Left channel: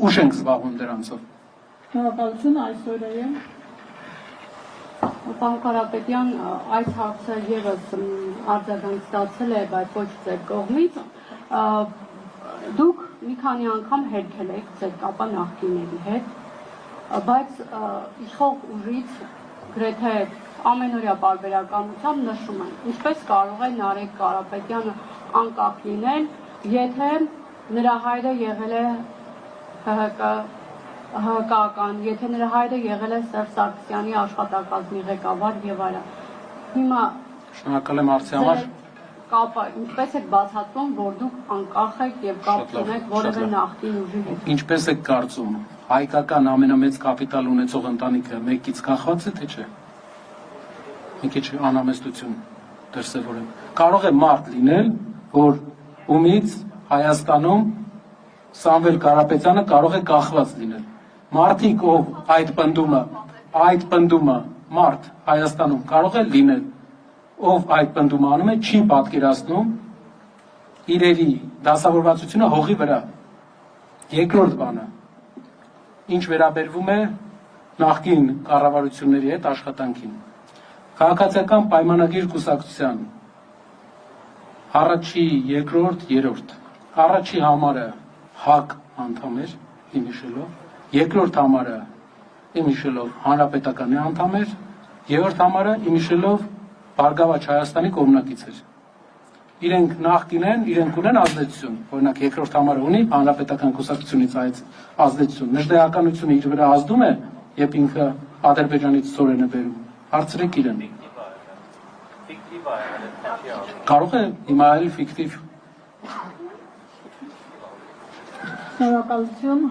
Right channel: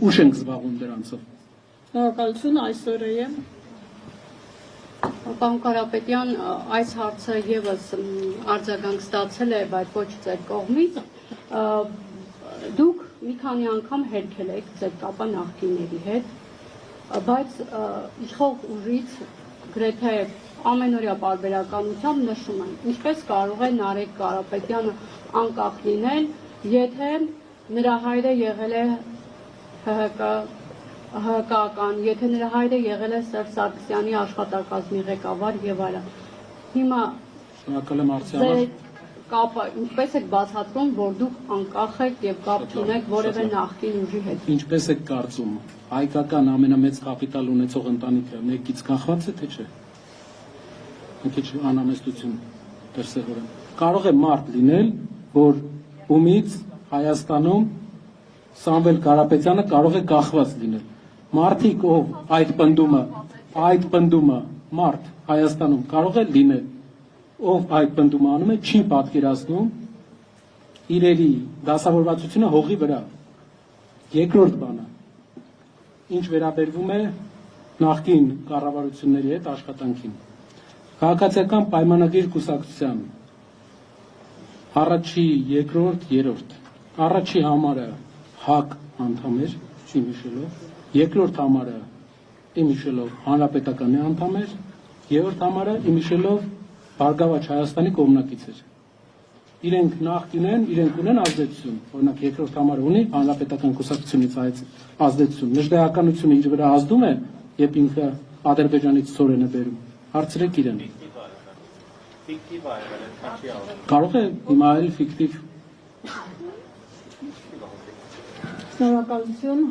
ուշ ենք զբաղվում դրանցով։ Շնորհակալություն, այսօր է։ Պարոն Կարապետյան, այս հարցը ևս արձագանք ստացել է, բայց ոչ ձեր կողմից։ Դուք մի քանի անգամ հերքել եք ձեր կապը նախկինների հետ, բայց իշխող ուժից գրեթե ամենօրյա պարբերականությամբ նշում են, ինչպես կարող է Նարեկ Կարապետյանը անկախ լինել, եթե նրա հայրը եղել է ՀՀԿ-ական, եթե նրա հայրը եղել է Սերժ Սարգսյանի աշխատակազմի ղեկավար եւ այլն։ Հիմա Շնորհակալ եմ հարցի համար։ Կապը ինչպես եք բացատրում, որ դուք անկախ եք եւ կապ ունեք որևէ նախկին ուժի հետ։ Ինչպես եք կարծում, հայկական ամենամեծ կապիտալ ունեցող ընտանիքը մեկից կախված է, թե չէ։ Մի քիչ անհամեստություն դրսևորեմ։ Կարող է մարդ լինել, որ ումից Հայաստանում Սամվել Կարապետյանը կարող է կախված լինել։ Մարդիկ, ով այդ պնդումը մարդ Հայաստանում կարող է լինել, ով այդ պնդումը անում է, չի պատկերացնում իրերի դասավորվածությունը հողի վրա։ Երկրորդ բանը, ինչ վերաբերվում է նախկին կառավարությունների հետ աշխատանքին։ Քաղաքացիական պայմանագիր կուսակցության առաջի, երկրորդ, երրորդ։ Առաջի համարը ՀԱԿ անդամ էր, իմ հիշելով, երկրորդ համարը իմ հիշելով Հանրապետականի անդամ էր, երրորդ համարը իմ հիշելով Բարգավաճ Հայաստանի կողմնակից էր։ Իրենք նախկին են, իրենք ունեն ազդեցություն, օրինակ երկրորդ համարը ունի Հանրապետական կուսակցությունից այդ ազդեցություն։ Նժդեականությունը իր վրա ազդում է, երբ ինքը Ադրբեջանից ծորեն է բերում։ Հարցրեք իրեն։ Կարող է հիմա այլ ֆիկտիվ։ Շնորհակալություն։